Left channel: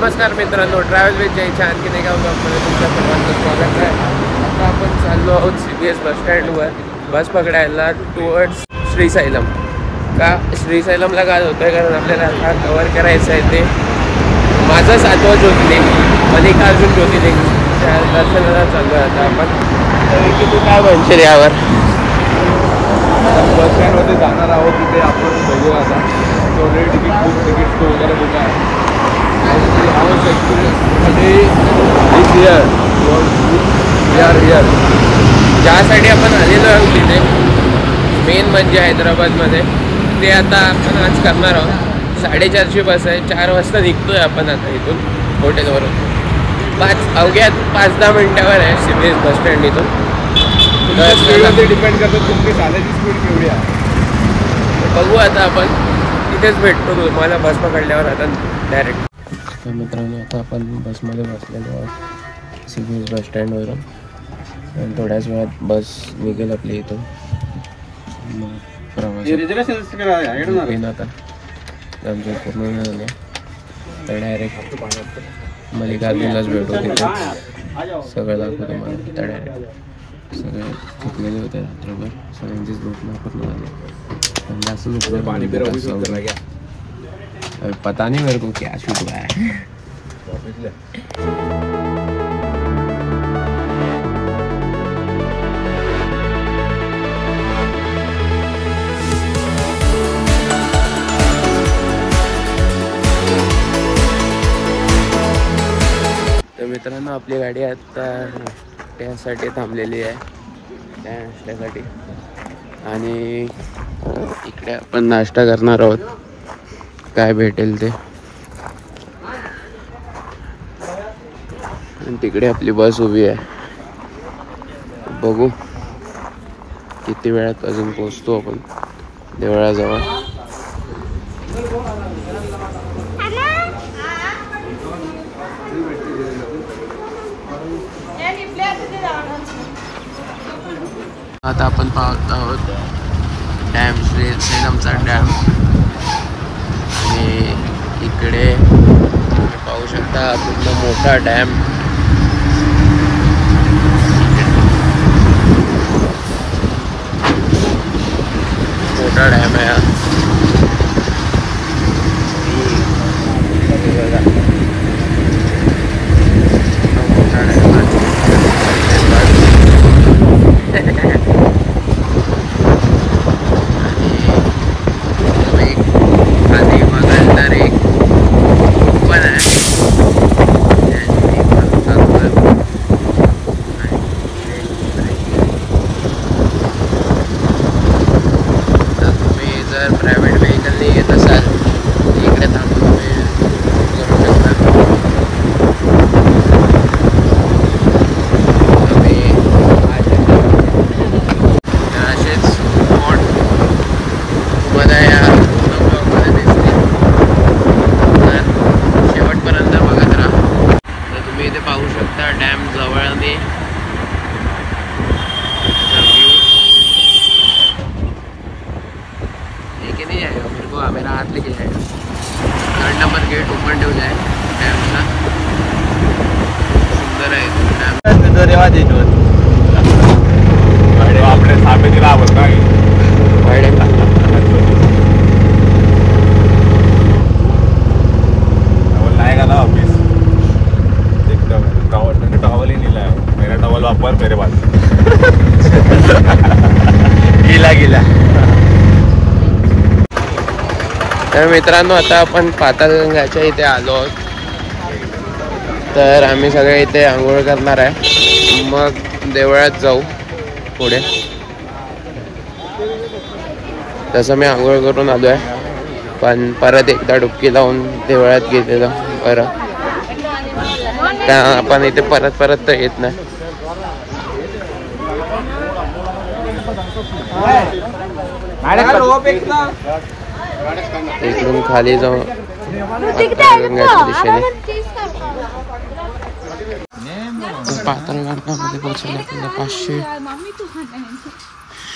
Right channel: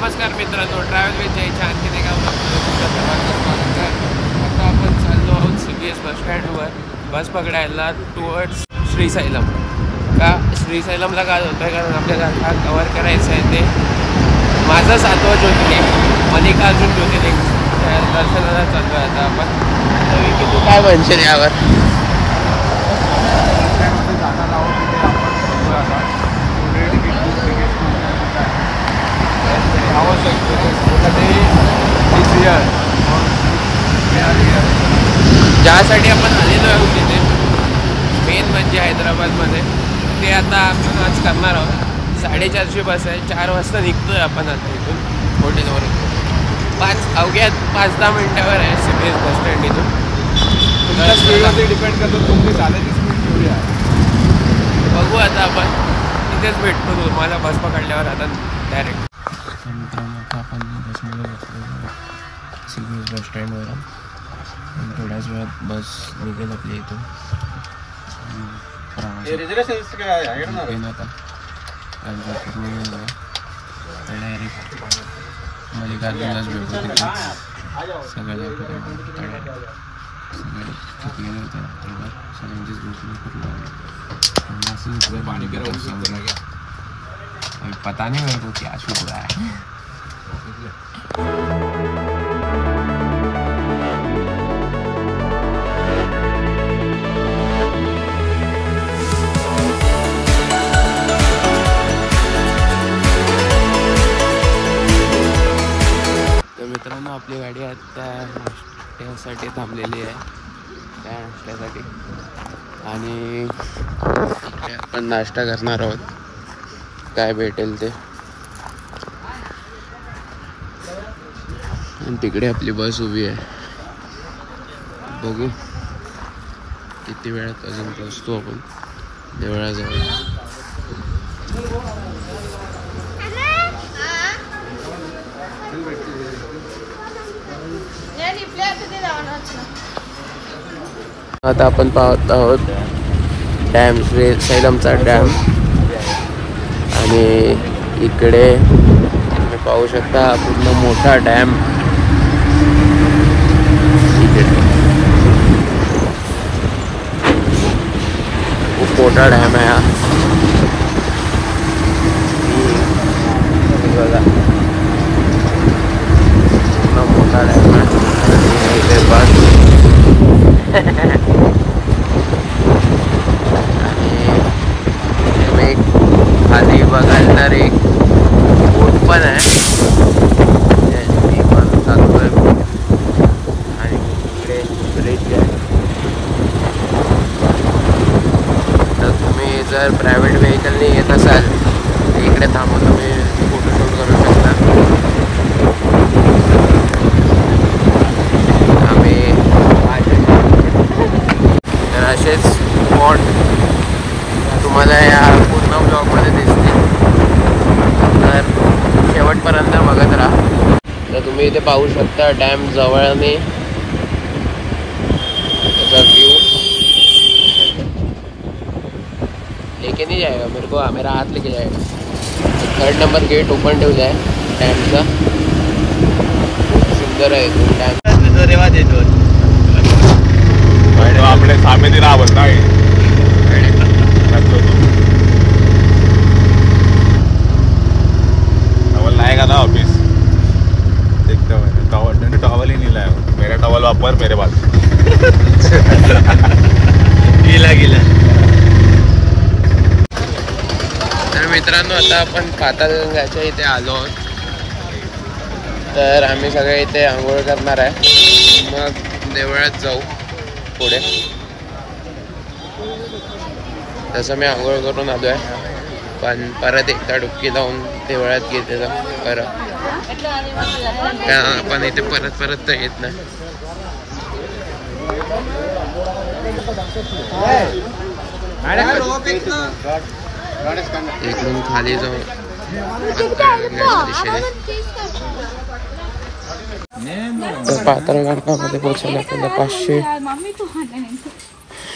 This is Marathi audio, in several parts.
नमस्कार मित्रांनो, ट्रॅव्हल विथ जयच्या आणखीन एका ब्लॉगमध्ये तुमच्या सर्वांचं स्वागत आहे। आता आपण चाललो आहोत CBS बस स्टँडवर बस पकडायला टुवर्ड्स श्रीशैलम। का श्रीशैलमला काय होतं आहे, कारण आपल्याला आता कवर करायचं आहे ते माझं 7वं ज्योतिर्लिंग मल्लिकार्जुन ज्योतिर्लिंग त्या दर्शनाला चाललो आहे आता आपण। तर की तू काय म्हणशील यावर? बस स्टँडमध्ये जाणार आहोत, तिथे आपण बघू आता ऑलरेडी तिकीट वगैरे बुक आहे। Ours experience is here, we are here. ज्यासाठी आपण आलेलो आहोत तिथे मेन म्हणजे हैदराबादमध्ये ते आता आपण आज करणार आहोत। 4:30ची बस आहे, 4 वाजता निघतोय आपण आता इथून हॉटेलवरून। 5-10 मिनिटावर आहे CBS बस स्टँड इथून। डिपेंड करतो तुमची चालायची स्पीड केवढी आहे, बघू आता आपण तिथेच भेटतो तुम्हाला बस पकडल्यावर आता डायरेक्ट। तर मित्रांनो आता आपण बसमध्ये बसलेलो आहे CBS बस स्टँडवरून आणि थोड्याच वेळात बस निघेल आपल्या इथून। आता त्यांचं पूर्ण झालं तर डायरेक्ट मल्लिकार्जुनलाच भेटू तिथे, सगळं दाखवतो मला। तर डायरेक्ट सगळे थकलेले होते रात्रभर, सगळ्यांचीच भेटणं पूर्ण झाली। जास्त झोपले पाणी पिरवलं, पता नहीं मेरे को क्या शूट रहा है। तर मित्रांनो आपली गाडी आता त्यासाठी थांबलेली आहे, त्या नाश्त्यासाठी। आणि इकडे आपण नाश्ता करणार आहोत, काय भेटेल ते। आणि तिकडे आपली बस उभी आहे, बघू किती वेळात अजून पोहोचतो आपण देवळाजवळ। आता आपण पाहत आहोत डॅम, श्रीशैलमचा डॅम। आणि इकडे तुम्ही पाहू शकता मोठा डॅम, खूप मोठा डॅम आहे हा। मोठा डॅम आहे आधी बघाल तर एक बोट पण आहे, तर तुम्ही जर प्रायव्हेट व्हेकलने येत असेल इकडे थांबून असेच स्पॉट तुम्हाला या शेवटपर्यंत बघत राहा। तर तुम्ही इथे पाहू शकता डॅम जवळने त्याचा व्यू। लेके नहीं जाएगा मेरे को, मेरा हाथ लेके जाएगा। 3rd नंबर गेट ओपन ठेवला आहे डॅमचा, खूप सुंदर आहे तो डॅम। रेवा देतो आपले सामे दिला काय लाएगा ना ऑफिस। टॉवल ही नहीं लाया, मेरा टॉवल वापर मेरे पास। गिला तर मित्रांनो आता आपण पाताळगंगाच्या इथे आलो आहोत। तर आम्ही सगळे इथे आंघोळ करणार आहे, मग देवळात जाऊ पुढे। तसं मी आंघोळ करून आलो आहे, पण परत एकदा डुबकी लावून देवळात गेलेलो परत, कारण आपण इथे परत तर येत नाही। इकडून खाली जाऊ पाताळगंगाच्या दिशेने. तर पाताळगंगामध्ये पोहोचायला आपल्याला 500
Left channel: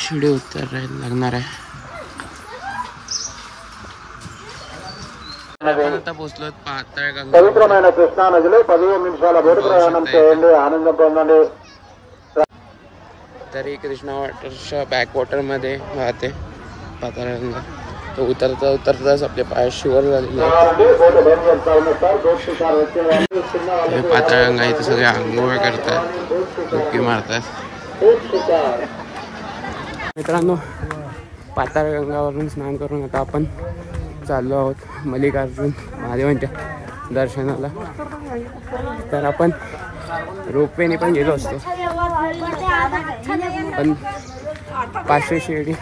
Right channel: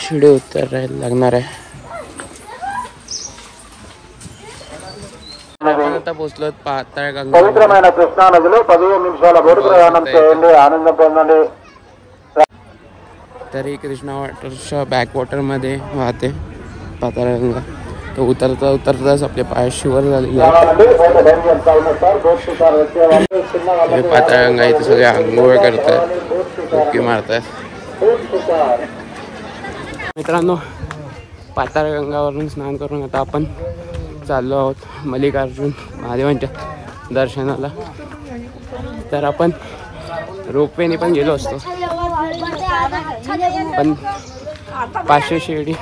शिडी उतरायला लागणार आहे. आपण आता पोहोचलो पाताळगंगा. तरी कृष्णा वाटरच्या बॅकवॉटर मध्ये वाहते पाताळगंगा. तो उतरता उतरताच आपले पाय शिवर झाले. पाताळगंगा इथे सगळे आंघोळ करतात, डुबकी मारतात. मित्रांनो, पाताळगंगावरून स्नान करून आता आपण चाललो आहोत मल्लिकार्जुन महादेवांच्या दर्शनाला. तर आपण रोपवेने पण गेलो असतो, पण 500 शिडी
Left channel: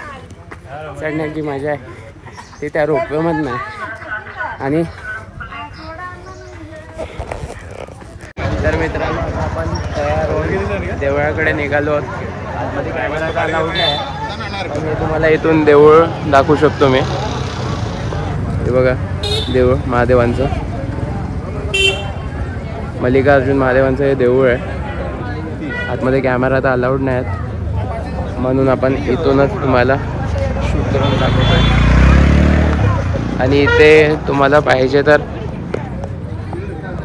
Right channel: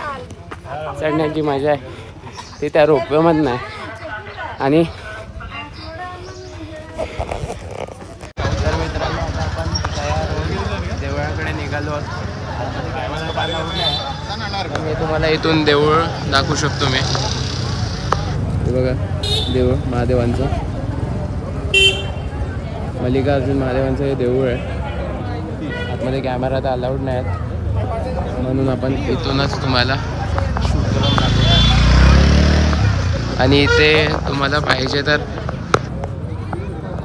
चढण्याची मजा आहे ते त्या रोपवेमधनं आहे. आणि तर मित्रांनो, आता आपण तयार होऊन देवळाकडे निघालो आहोत. आतमध्ये कॅमेरा अलाउड नाही, पण मी तुम्हाला इथून देऊळ दाखवू शकतो. मी हे बघा, देऊळ महादेवांचं, मल्लिकार्जुन महादेवांचं हे देऊळ आहे. आतमध्ये कॅमेरा तर अलाउड नाही आहेत, म्हणून आपण इथूनच तुम्हाला शूट करून दाखवतोय. आणि इथे तुम्हाला पाहिजे तर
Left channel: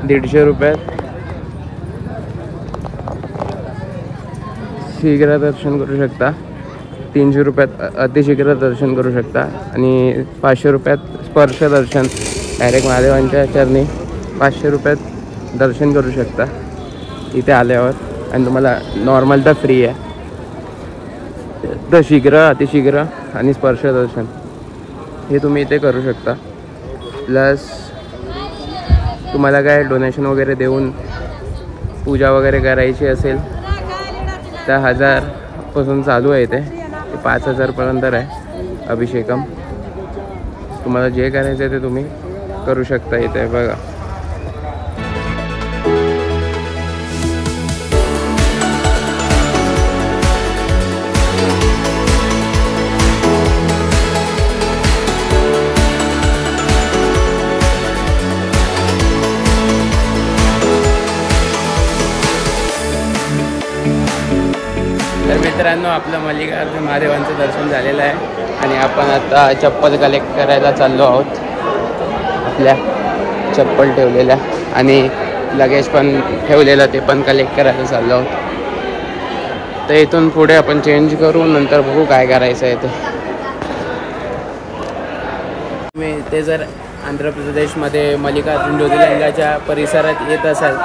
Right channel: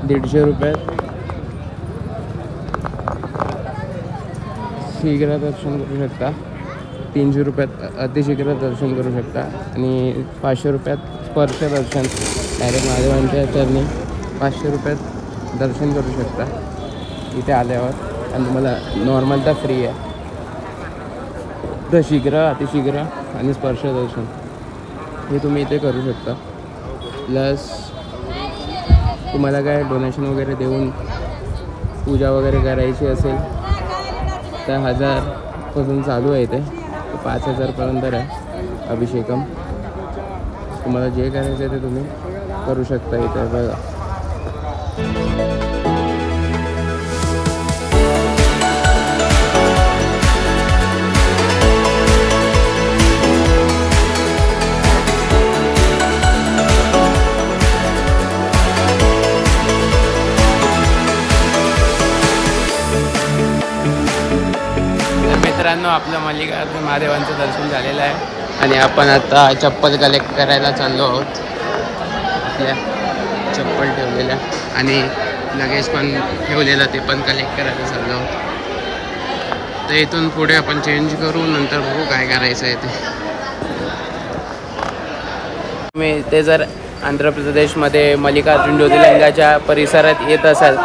150 रुपयात शीघ्र दर्शन करू शकता, 300 रुपयात अतिशीघ्र दर्शन करू शकता, आणि 500 रुपयात स्पर्श दर्शन डायरेक्ट महादेवांच्या चरणी 500 रुपयात दर्शन करू शकता इथे आल्यावर. आणि तुम्हाला नॉर्मल तर फ्री आहे. तर शीघ्र, अतिशीघ्र आणि स्पर्श दर्शन हे तुम्ही इथे करू शकता. प्लस तुम्हाला काय डोनेशन वगैरे देऊन पूजा वगैरे करायची असेल तर 1000पासून चालू आहे. ते 5000पर्यंत आहे अभिषेकम. तुम्हाला जे करायचं आहे ते तुम्ही करू शकता इथे. बघा, मित्रांनो, आपलं मल्लिकार्जुन महादेवांचं दर्शन झालेलं आहे आणि आपण आता चप्पल कलेक्ट करायला चाललो आहोत. आपल्या चप्पल ठेवलेल्या आणि लगेज पण ठेवलेलं ते पण कलेक्ट करायला चाललो आहोत. तर इथून पुढे आपण चेंज करू, नंतर बघू काय करायचं आहे ते. तुम्ही इथे जर आंध्र प्रदेशमध्ये मल्लिकार्जुन ज्योतिर्लिंगाच्या परिसरात येत असाल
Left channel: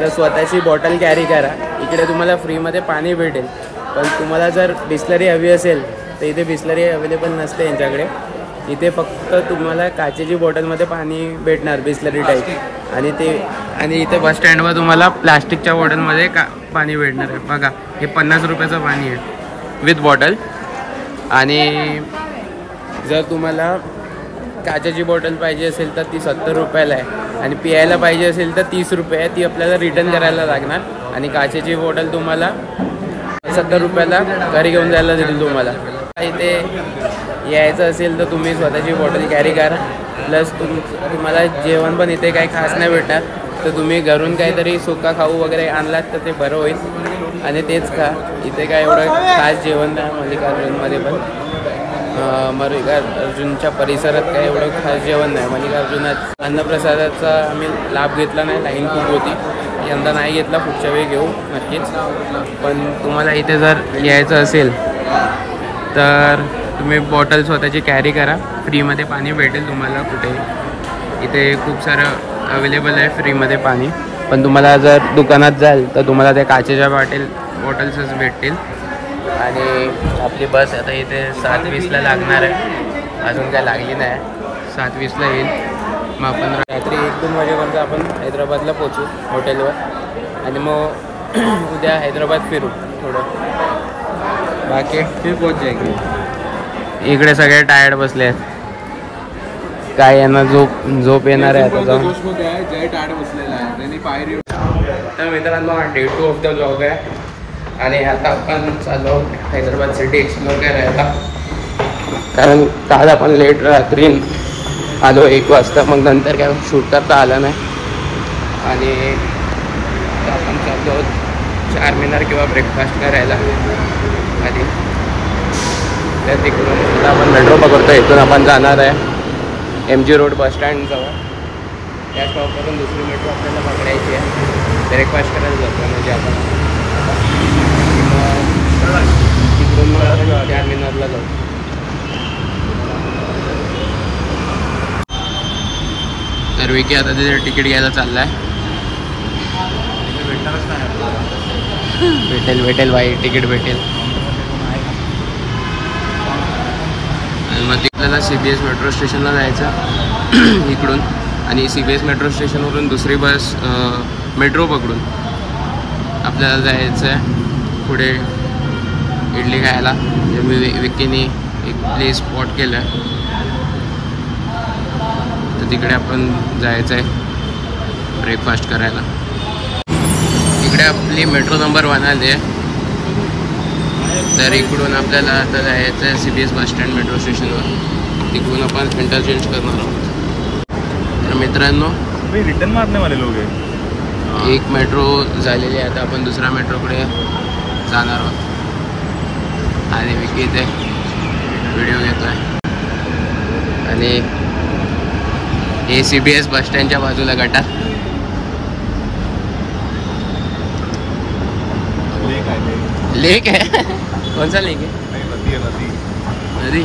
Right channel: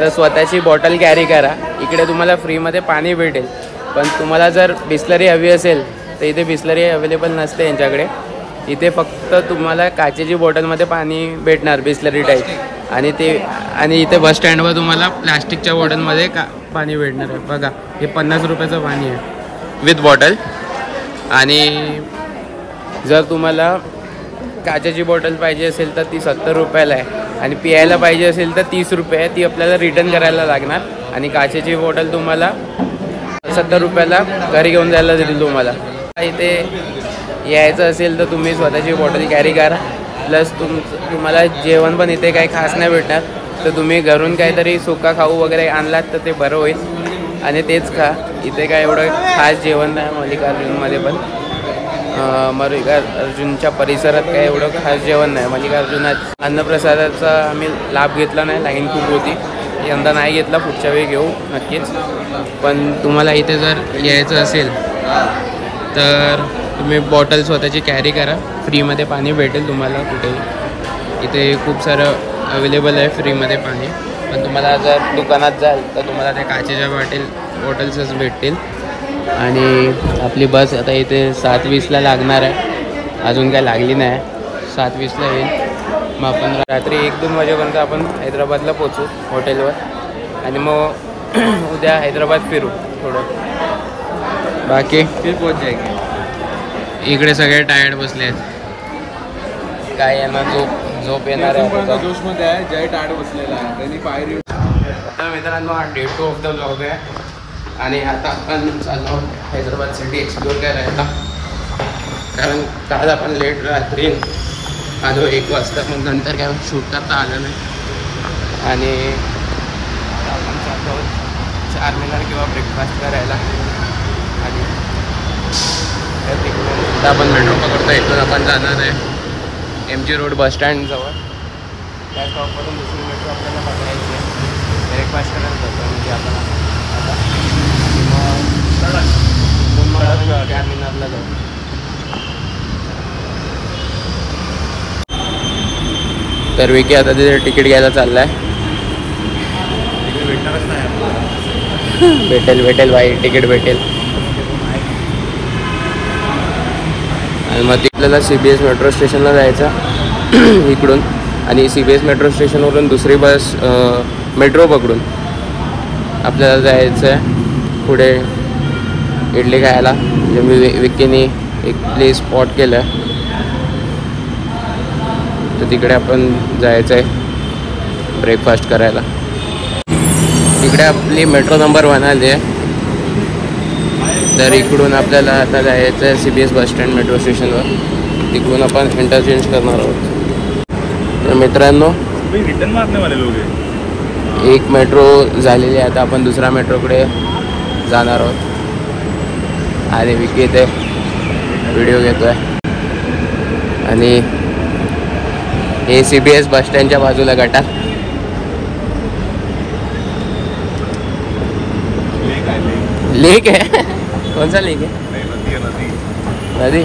तर स्वतःची बॉटल कॅरी करा. इकडे तुम्हाला फ्रीमध्ये पाणी भेटेल. पण तुम्हाला जर बिस्लरी हवी असेल तर इथे बिस्लरी अवेलेबल नसते यांच्याकडे. इथे फक्त तुम्हाला काचेची बॉटलमध्ये पाणी भेटणार, बिस्लरी टाईप. आणि इथे बस स्टँडवर तुम्हाला प्लास्टिकच्या बॉटलमध्ये पाणी भेटणार आहे. बघा, हे 50 रुपयाचं पाणी आहे विथ बॉटल. आणि जर तुम्हाला काचेची बॉटल पाहिजे असेल तर ती 70 रुपयाला आहे. आणि पियायला पाहिजे असेल तर 30 रुपये आहे. ती आपल्याला रिटर्न करायला लागणार. आणि काचेची बॉटल तुम्हाला 70 रुपयाला घरी घेऊन जायला देतील तुम्हाला. इथे यायचं असेल तर तुम्ही स्वतःची बॉटल कॅरी करा. प्लस तुम्हाला जेवण पण इथे काही खास नाही भेटणार. तर तुम्ही घरून काहीतरी सुका खाऊ वगैरे आणलात तर ते बरं होईल आणि तेच खा. इथे काय एवढं खास जेवण नाही मल्लिकार्जुनमध्ये. पण मल्लिकार्जुनच्या परिसरात काय एवढं खास जेवण नाही. मल्लिकार्जुनात अन्नप्रसादाचा आम्ही लाभ घेतला नाही, लाईन खूप होती. यंदा नाही घेतला, पुढच्या वेळी घेऊ नक्कीच. पण तुम्हाला इथे जर यायचं असेल तर तुम्ही बॉटल स्वतःची कॅरी करा. फ्रीमध्ये पाणी भेटेल तुम्हाला कुठेही. इथे खूप सारं अवेलेबल आहे फ्रीमध्ये पाणी. पण तुम्हाला जर दुकानात जाल तर तुम्हाला त्या काचेच्या बॉटल्सच भेटतील. आणि आपली बस आता इथे 7:20ला लागणार आहे. अजून काय लागली नाही, 7:20ला येईल. मग आपण रात्री 1-2 वाजेपर्यंत आपण हैदराबादला पोचू हॉटेलवर. आणि मग उद्या हैदराबाद फिरू थोडं. बाकी फिर पोहोच जायगे. इकडे सगळे टायर्ड बसले आहेत. काय यांना झोप येणार आहे. जोशमध्ये आहे, जय टायर्ड बसलेला आहे त्यांनी पायरी. तर मित्रांनो, हा डे 2 ऑफ द ब्लॉग आहे. आणि आता आपण चाललो हैदराबाद सिटी एक्सप्लोर करायला, कारण काल आपण लेट रात्री आलो 1 वाजता, मग नंतर काय शूट करता आलं नाही. आणि आता आपण चाललो चारमिनार किंवा ब्रेकफास्ट करायला आधी. तर तिकडून आपण मेट्रो पकडतो, इथून आपण जाणार आहे MG रोड बसस्टँडजवळ. त्या स्टॉपवरून दुसरी मेट्रो आपल्याला पकडायची आहे, ब्रेकफास्ट करायला जातो म्हणजे आपण आता. तिकडून मग आपण चारमिनारला जाऊ. तर विकी आता तिथे तिकीट घ्यायला चालला आहे. भेटेल बाई, तिकीट भेटेल. आणि मग आपल्याला CBS मेट्रो स्टेशनला जायचं इकडून, आणि CBS मेट्रो स्टेशनवरून दुसरी बस मेट्रो पकडून आपल्याला जायचं आहे पुढे इडली खायला. जे मी विकीने एक प्लेस स्पॉट केलं आहे, तर तिकडे आपण जायचं आहे ब्रेकफास्ट करायला. इकडे आपली मेट्रो नंबर 1 आली आहे. तर इकडून आपल्याला आता जायचं आहे CBS बसस्टँड मेट्रो स्टेशनवर. तिकडून आपण इंटरचेंज करणार आहोत. तर मित्रांनो, रिटर्न मारने वाले लोग हैं. एक मेट्रो झालेली आहे, आता आपण दुसऱ्या मेट्रोकडे जाणार आहोत. आणि विकी इथे व्हिडिओ घेतो आहे. आणि हे CBS बसस्टँडच्या बाजूला गटार. लेक है? कौन सा लेक है? नदी?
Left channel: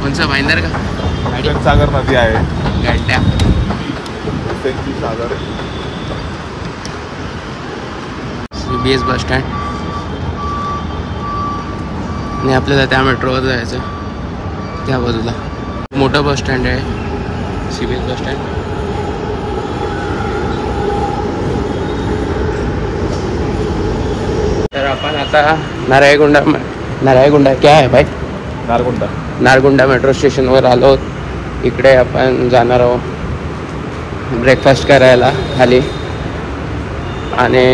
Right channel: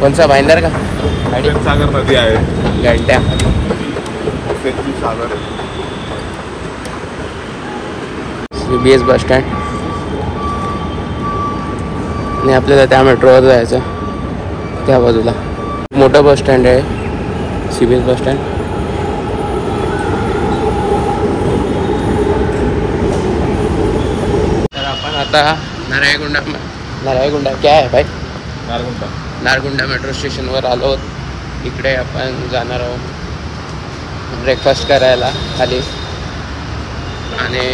कौन सा भाईंदर का? सागर नदी आहे. गड्ड्या. CBS bus stand. आणि आपल्याला त्या मेट्रोवर जायचं त्या बाजूला. मोठं बस स्टँड आहे CBS बस स्टँड. तर आपण आता नारायणगुंडा क्या आहे भाई? नारगुंडा मेट्रो स्टेशनवर आलो. इकडे आपण जाणार आहोत ब्रेकफास्ट करायला खाली. आणि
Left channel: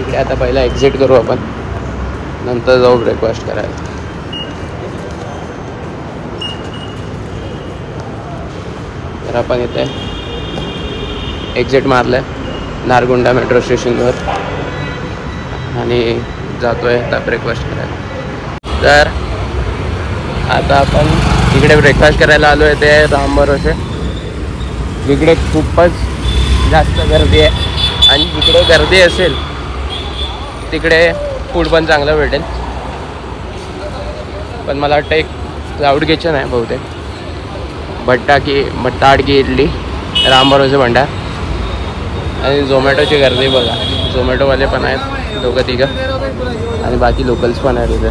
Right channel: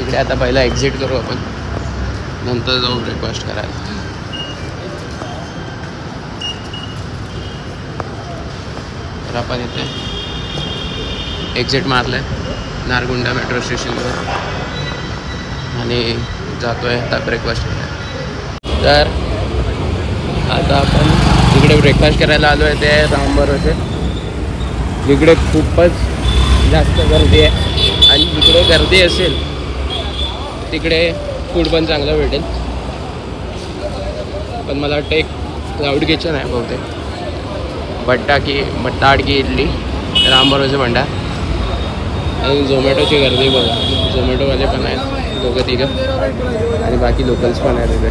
इकडे आता पहिला एक्झिट करू आपण, नंतर जाऊ ब्रेकफास्ट करायला. तर आपण इथे एक्झिट मारलं आहे नारगुंडा मेट्रो स्टेशनवर आणि जातो आहे आता ब्रेकफास्ट करायला. तर आता आपण इकडे ब्रेकफास्ट करायला आलो आहे, ते रामभरोसे. इकडे खूपच जास्त गर्दी आहे, आणि जिकडे गर्दी असेल तिकडे फूड पण चांगलं भेटेल. पण मला वाटतं एक क्लाउड किचन आहे बहुतेक. भट्टाडकी इडली, रामभरोसे भंडार. आणि झोमॅटोची गर्दी बघा, झोमॅटोवाले पण आहेत 2-3, आणि बाकी लोकल्स पण आहेत तिथे.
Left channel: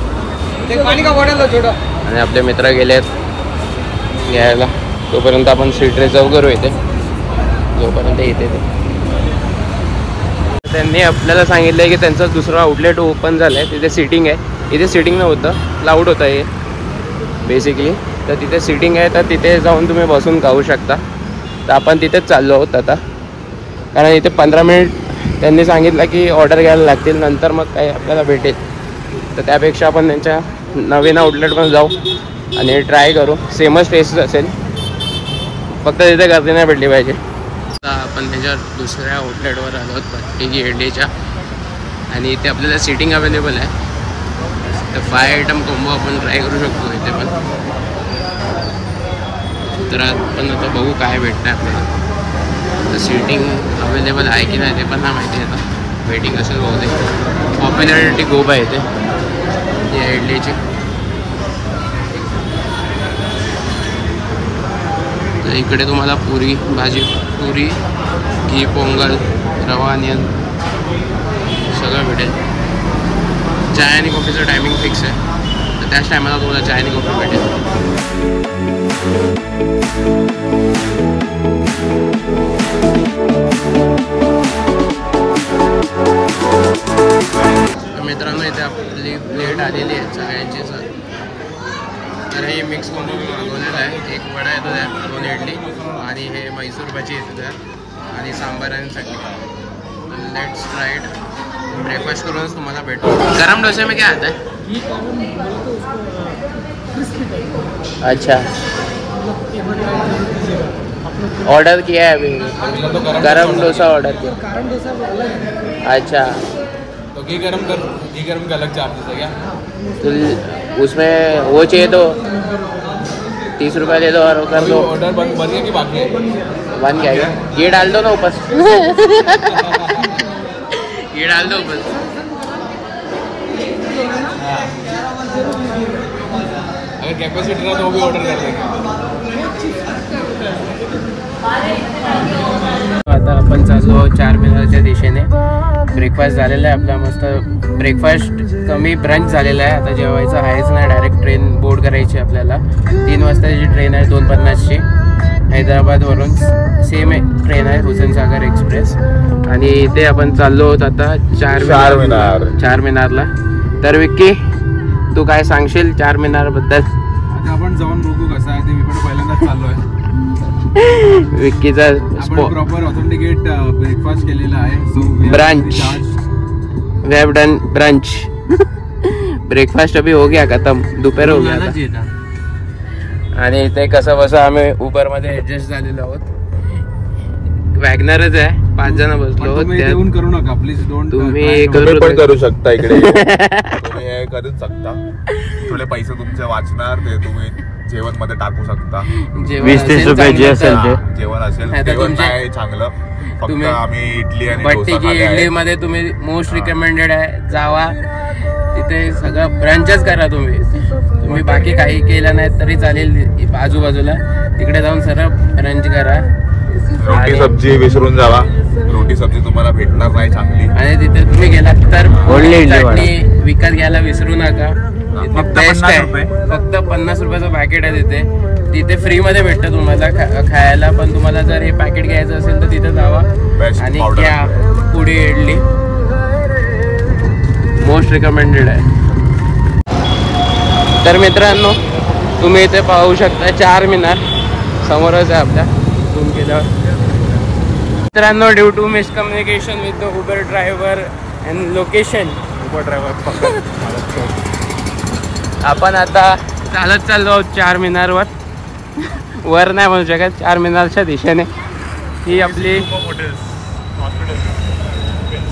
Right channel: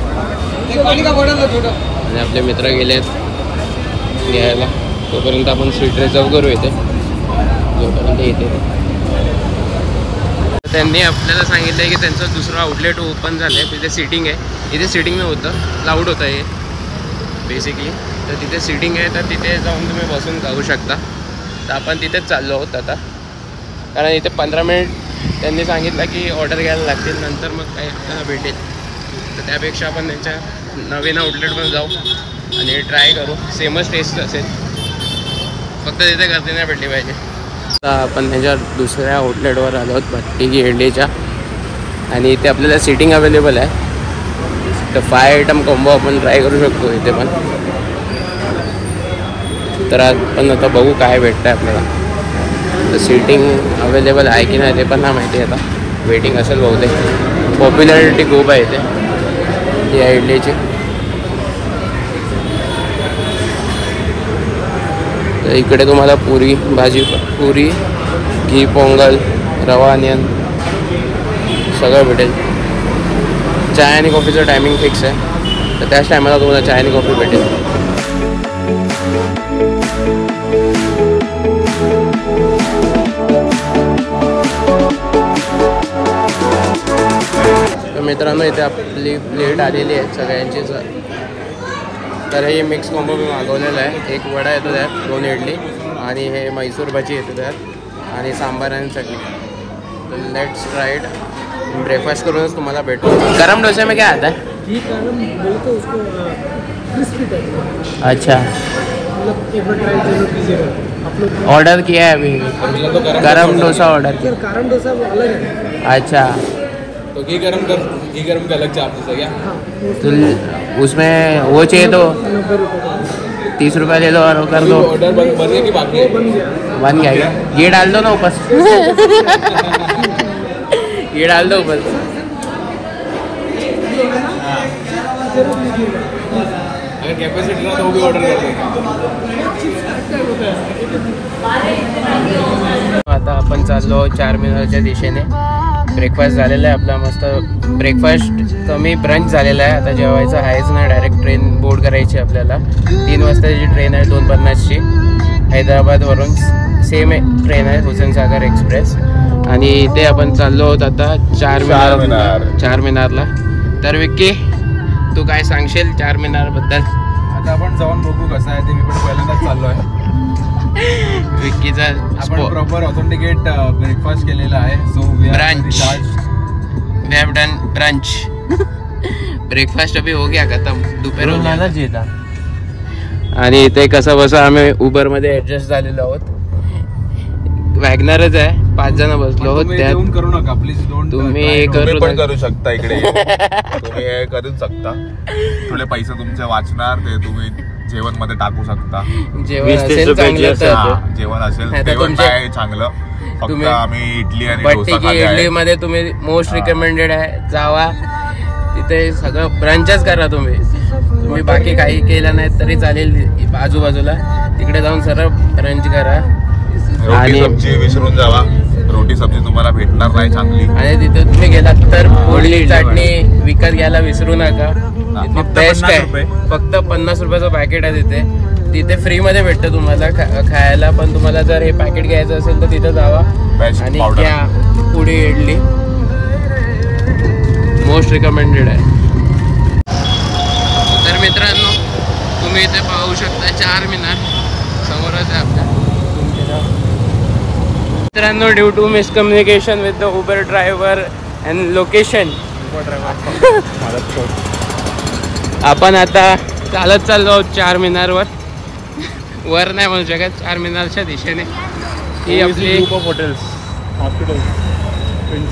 आणि आपले मित्र गेले आहेत घ्यायला. तोपर्यंत आपण सीट रिझर्व करू इथे, जोपर्यंत येते ते. त्यांनी आपल्याला सांगितलं आहे की त्यांचं दुसरं आउटलेट ओपन झालं आहे, तिथे सीटिंग आहे. इथे सीटिंग नव्हतं, क्लाउड होतं हे बेसिकली. तर तिथे सीटिंग आहे, तर तिथे जाऊन तुम्ही बसून खाऊ शकता. तर आपण तिथेच चाललो आहोत आता, कारण इथे 15 मिनिट त्यांनी सांगितलं की ऑर्डर घ्यायला लागतील, नंतर मग काय आपल्याला भेटेल. तर त्यापेक्षा आपण त्यांच्या नवीन आउटलेटवर जाऊ आणि ट्राय करू. सेमच टेस्ट असेल, फक्त तिथे गर्दी नाही भेटली पाहिजे. आता आपण त्याच्या दुसऱ्या आउटलेटवर आलो आहोत भट्टी इडलीच्या, आणि इथे आपल्याला सीटिंग अवेलेबल आहे. तर 5 आयटम कॉम्बो आपण ट्राय करू शकतो इथे पण. तर आपण आता बघू काय भेटतं आहे आपल्याला. तर सीटिंग अवेलेबल आहे की नाही ते पण नाही माहिती. आता वेटिंग असेल बहुतेक. पॉप्युलॅरिटी खूप आहे इथे या इडलीची. तर इकडे तुम्हाला पुरी भाजी, पुरी, घी पोंगल, रवा अनियन सगळं भेटेल. चाय आणि कॉफीचं टायमिंग फिक्स आहे, तर त्याच टायमाला तुम्हाला चाय आणि कॉफी भेटेल. तर मित्रांनो, इथे आपली प्लेट आलेली आहे सगळ्यांचीच. तर हे मिक्स कॉम्बो मी मागवलेलं आहे. 1 वडा येतो त्यात, 2 इडली, आणि हे मैसूर भाजी येतो त्यात, आणि सांबार आणि chutney. Let's try it. Breakfast करूनच तुम्हाला भेटू. गरम डोसे में क्या आता है? अच्छा, ऑर्डर किया है अभी गरम डोसा ऑर्डर. गरम डोसा अलग है. अच्छा, तो घी गरम का अलग चार्जेस है क्या? तो उसमें वो चाहिए तो 30 रुपये ले लो और ऑर्डर बन गया कि बाकी है? बन गया. ये डाल दो ना ऊपर. ये डाल दो ऊपर. अगर कैपेसिटी रहा तो वो भी ऑर्डर कर देंगे. आता आपण चाललो चारमिनारच्या दिशेने. ब्रेकफास्ट झालेला आहे आपला मस्त. ब्रेकफास्ट कमी ब्रंच झालेला आहे. आता जेवायचं आहेच नाही, डायरेक्ट ट्रेन बोर्ड करायची आपल्याला. 3 वाजताची ट्रेन आहे 2:50ची हैदराबादवरून. सेम ट्रेन आहे हुसेनसागर एक्सप्रेस. आणि इथे आपण चाललो आहोत आता चारमिनारला. तर विक्की, तू काय सांगशील चारमिनारबद्दल? आता आपण जाऊन बघू कसं आहे ते. मी पण पहिल्यांदाच चाललो आहे. विक्कीचा प्रॉपर ऑथेंटिकेट ब्रेकफास्ट केलेला आहे. Brunch. We have done brunch. Breakfast अभी हो गया खत्म. दोपहर हो गया. आणि ते कसं बसं आम्ही उबर मध्ये ऍडजस्ट झालेलो आहोत. वॅगनरच आहे, 5 जण बसलो आहोत. करू नका प्लीज. तुम्ही करू शकता इकडे. तुम्ही हे करू शकता. थोडे पैसे तुमचे वाचणार, ते तुम्ही जेवण मध्ये टाकू शकता. जेवण असेल चांगलं तर जेवण असेल काय चांगलं. फक्त आम्ही इडली आणि इडली मध्ये तुम्ही मोस्ट रिकमेंडेड आहे. जावा तिथे सगळं ब्रंचच करा. तुम्ही बाकी काही केलं नाही तरी चालेल. आजूबाजूला तिकडे जाऊन सरळ ब्रंच करा. रोटी सब्जी विसरून जावा. रोटी सब्जी तुम्हाला भेटणार नाही चांगली. आणि तिथे तुम्ही गेलात तर पोळी चटणी विकत घ्यायला विसरू नका. बेस्ट आहे. फक्त 50 रुपयाचं पॅकेट आहे तिथे फ्री मध्ये भेटतं तुम्हाला खायला. पण तुम्हाला जर हे पॅकेट घ्यायचं असेल तर तिथे जावा आणि घ्या पुडी इडली. मोस्ट रिकमेंडेड आहे. तर मित्रांनो, तुम्ही इथे पाहू शकता चारमिनार समोरच आहे आपल्या. मित्रांनो, due to miscommunication with the Uber driver and location, आपण आता चालत चाललो आहोत चारमिनारवर. वर नाही म्हणू शकत, चारमिनारच्या दिशेने. ही आपली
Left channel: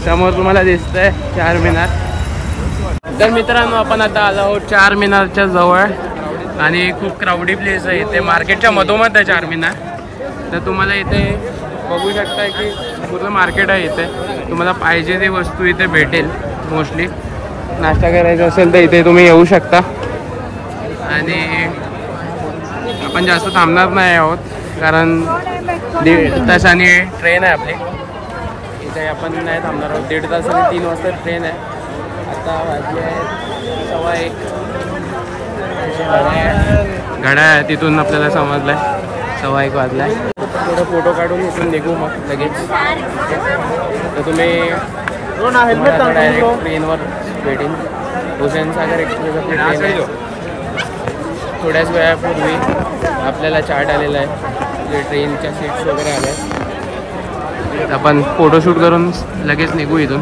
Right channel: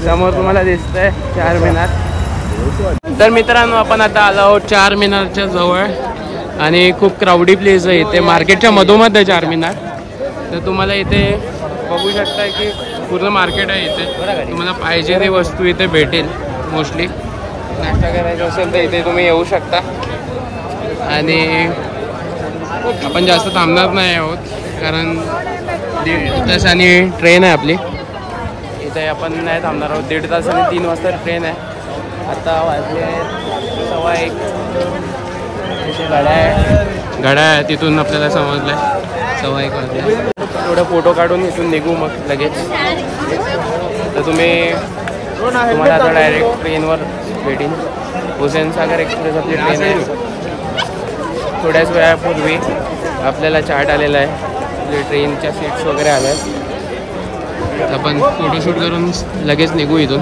समोर तुम्हाला दिसतंय चारमिनार. तर मित्रांनो, आपण आता आलो आहोत चारमिनारच्या जवळ आणि खूप क्राऊडी प्लेस आहे इथे. मार्केटच्या मधोमध आहे चारमिनार. तर तुम्हाला इथे बघू शकता की पूर्ण मार्केट आहे इथे. तुम्हाला पाहिजे ती वस्तू इथे भेटेल. मोस्टली नाश्ता करायचा असेल तर इथे तुम्ही येऊ शकता. आणि आपण जास्त थांबणार नाही आहोत कारण 1.5 तासांनी ट्रेन आहे आपली. इथे आपण नाही थांबणार आहोत. 1.5 तासांनी 3 वाजता ट्रेन आहे. आता वाजले आहेत 1:15. घड्याळ आहे तिथून आपल्याला समजलं आहे 1:15 वाजला आहे. थोडं फोटो काढून इथून निघू मग लगेच. तर तुम्हाला आता डायरेक्ट ट्रेनवर भेटेन. हुसेनसागर एक्सप्रेस आपली ट्रेन आहे. थोड्याच वेळापूर्वी आपल्याला चार्ट आलेला आहे. आपल्या ट्रेनच्या सीट्स वगैरे आल्या आहेत. आपण फोटोशूट करून लगेच निघू इथून.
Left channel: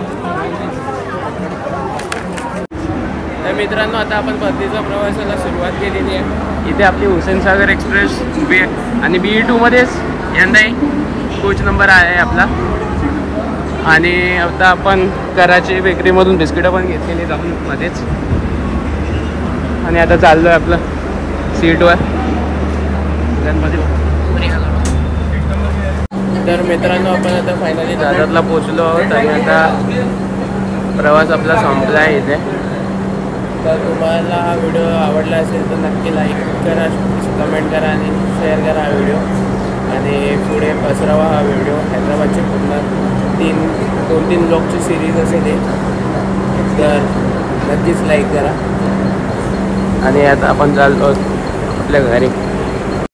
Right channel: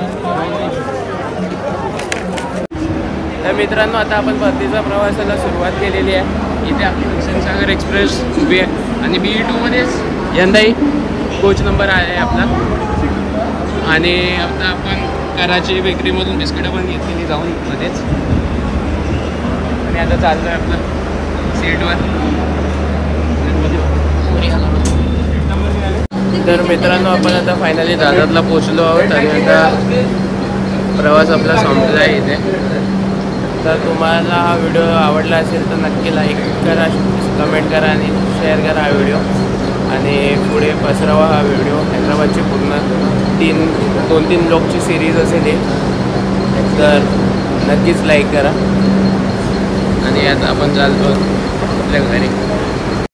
तर मित्रांनो, आता आपण परतीच्या प्रवासाला सुरुवात केलेली आहे. इथे आपली हुसेनसागर एक्सप्रेस उभी आहे आणि BE2 मध्येच यंदाही कोच नंबर आहे आपला. आणि आता आपण कराची बेकरीमधून बिस्किटं पण घेतलेली जाऊन मध्येच. आणि आता चाललो आहे आपलं सीटवर. तर मित्रांनो, आपण आता फायनली दादरला पोचलो आहोत आणि आता प्रवास आपला संपला आहे इथे. तर तुम्हाला हा व्हिडिओ आवडला असेल तर नक्की लाईक करा, कमेंट करा आणि शेअर करा हा व्हिडिओ. आणि पुढे पसरवा हा व्हिडिओ. हैदराबादची पूर्ण 2-3 ब्लॉगची सिरीज असेल ही. तर नक्कीच लाईक करा. आणि आता आपण चालतो आपल्या घरी.